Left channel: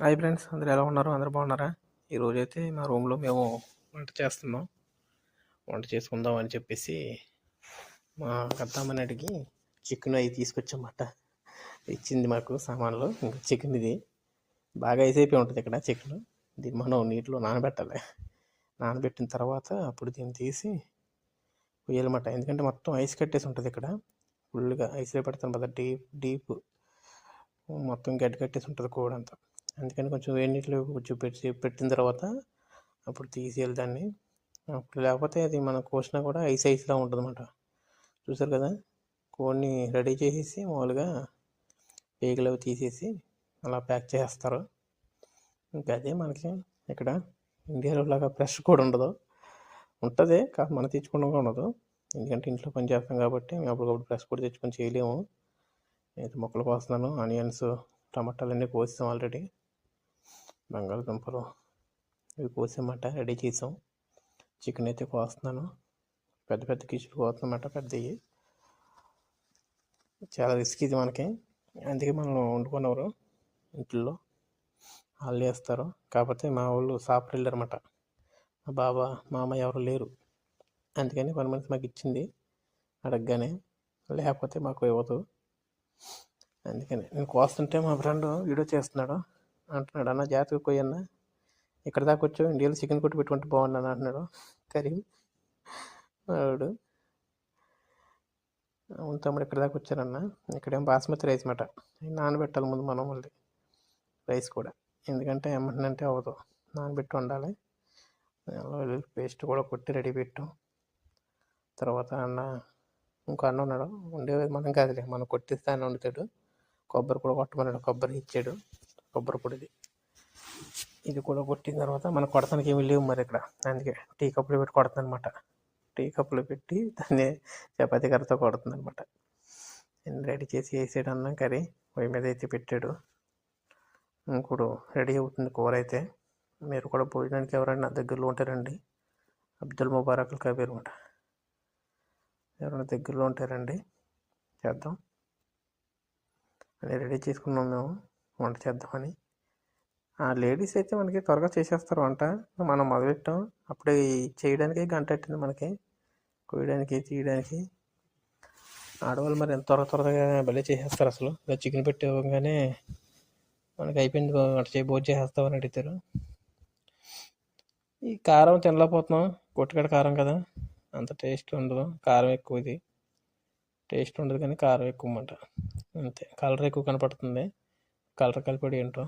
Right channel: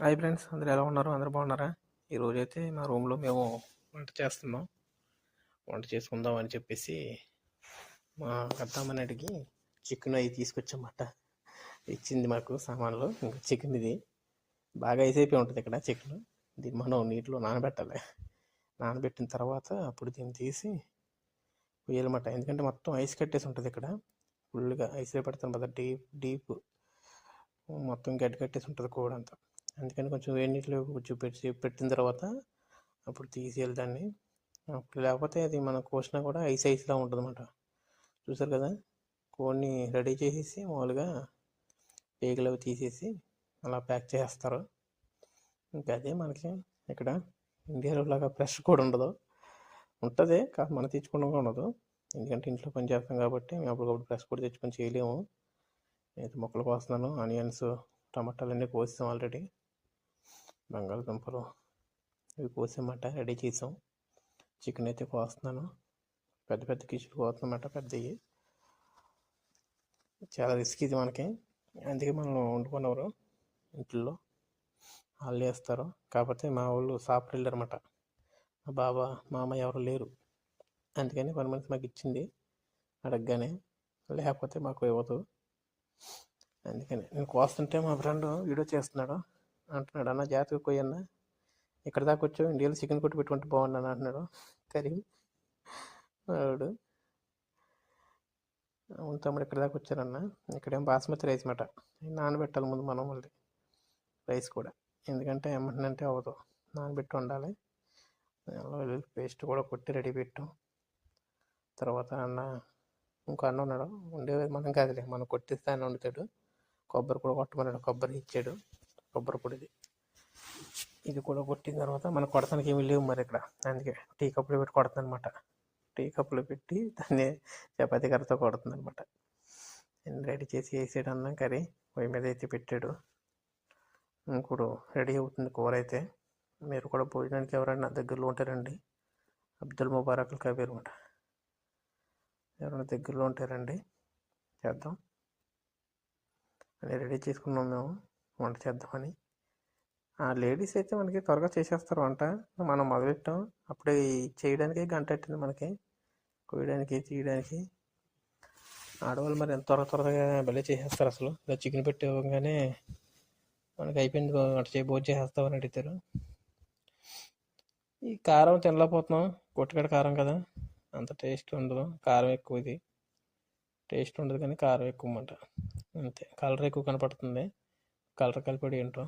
Hi friends, అందరూ ఎలా ఉన్నారు? అందరూ బాగున్నారా? ఈరోజైతే మా రూమ్లో మేము వంట చేస్తున్నాం. వంట చేసుకుందాం అని చెప్పేసి మా పెద్దమ్మని అడిగి చికెన్ అవి తీసుకొచ్చామాట. ఇచ్చింది మాకు సామాన్లు. చికెన్ ఇది బాగా అయిపోయి ఉంటుంది ఇక్కడ చికెన్. దీన్ని మనం నీటిలో నానబెట్టాలి. నానబెట్టిన తర్వాత అప్పుడు దీన్ని తీసి వేయాలన్నమాట. ఎందుకంటే మొత్తం ఐస్ కట్టేసి ఉంటుంది ఇక్కడ. ఫుల్గా ఐస్లో పెడతాం కదా, డీప్ మొత్తం గడ్డ కట్టేసి ఉంటుంది కూడా అంతా. అందుకని కొంచెం వేడి నీటిలో కొంచెం పెట్టిన తర్వాత అప్పుడు తీసేయాలి దాన్ని. అప్పుడు లేకపోతే అది మనం కోసినా కూడా ఐస్లా ఉంటుంది అన్నమాట. చూసారు కదా, కోడిని రెడీ చేసేసి మామూలుగా పేగులు తీసేసి అలా ప్యాక్ చేసేస్తారు. ఇంకా అదే మనకి ఇక్కడ ఇండియాలో లాగా ఫ్రెష్ కూడా ఉండదు. ఉంటుంది కాదు, మనం తెచ్చుకోవడం ఉండదు. ఎందుకంటే ఇంట్లో పని చేస్తాం కాబట్టి మేము అప్పటికప్పుడు ఫ్రెష్ కూడా తెచ్చుకొని చేయలేము. అయితే మొక్కలు కోస్తున్నాను. ఆనియన్స్, టమాటాలు అన్నీ కోసాం ఆల్రెడీ. బంగాళదుంపలు ఇవి కోసామాట, రెడీ చేసాం. చికెన్ అయితే కోస్తున్నాను. పెద్ద పెద్ద పీసులు కోస్తున్నమాట, పెద్దవి. చాలా రిస్క్ ఇది మనకి. అందుకే మనం వండుకున్నవారు ఇంట్లో వాళ్ళు చేస్తారు. కాకపోతే మా వాళ్ళు సాఫ్ట్ వెళ్ళారు అనమాట. మా బాబా మామ ఎవరు లేరు. అందుకని పని మనిషి మాకు ఇచ్చింది అడగగానే, లేకపోతే మాకు ఇవ్వదు. అందుకని నేను కోస్తుంటే మా ఫ్రెండ్ వీడియో చేస్తున్నాడు. అంటున్నాడు, అన్న జాగ్రత్తగా కొయ్యన్నా, ఇక్కడ దాకా వచ్చావు, ఇండియాలో చికెన్ కొట్టి పెట్టుకుంటే బాగున్నాను అంటున్నాడు కరీం వాడు. అవును తమ్ముడు, ఇక్కడ దాకా వచ్చారన్న. ఇక్కడేం బాస్మతి రైస్ మాట, నానబెట్టాలి ముందు మనం మళ్ళీ రైస్ కూడా. ఎందుకంటే ఏమంటుందంటే అవ్వదు, నానబెట్టి ఉండాలి. పేస్ట్ కూడా కొట్టి రెడీ పెట్టాం. తర్వాత ఇంకో అన్న ఉన్నాడు, ఉండేది మనం కాదులే, మనం కొట్టిస్తే అన్న వండుతాడు. కొబ్బరి కూడా కొట్టమన్నాడు, కొబ్బరి ఇచ్చాడు. కొబ్బరి పొడిది ఇది కూడా కొట్టిన తర్వాత మనం కొడతానికి ఏమి లేవు మరి ఇక్కడ. అందుకే టీ కప్పులో పెట్టి కొడుతుంది అనమాట. టీ కప్పులో పెట్టి దాన్ని చపాతీ కర్రతో కొడుతుంది అనమాట. రెడీ చేసి వేసాడు అన్నం కర్రీ పొయ్యి మీద అయితే పెట్టాడు. ఇంకోడు రెడీ అవుతుంది కూర అయితే. మీరు కూడా భోజనానికి ఎవరైనా దగ్గరలో ఉంటారండి, అబ్దుల్ ముబారక్ కబీర్ అనమాట. ఎవరైనా దగ్గరలో ఉంటారండి, చేద్దాం అని రెడీ చేసుకున్నాం మేము వంట చేద్దామని. ఆ లేడీస్ అయితే మనకి త్వరగా చేసేస్తారు వంట. మనం మొదలెట్టాం అప్పుడే చేయడానికి గంట పట్టింది మనకి, కోయడానికి తీయడానికి. ఆడవాళ్ళు మరి ఎంత త్వరగా భలే చేసేస్తారు. అసలు చికెన్ పెట్టేవగానే మనకి అయిపోయింది వంట భోజనం చేసేస్తామని అడుగుతారు. ఈ కారం తినలేకపోతున్నాం, కొట్టుకడ కారం కదా, అంత టేస్ట్ ఉండదు. కారం ఎక్కువ, ఇది టేస్ట్ ఉండదు కానీ కారం ఎక్కువ అన్నమాట. అంతే, కలర్ ఎక్కువ కనపడుతుంది. కలర్ కలిపి ఏంటో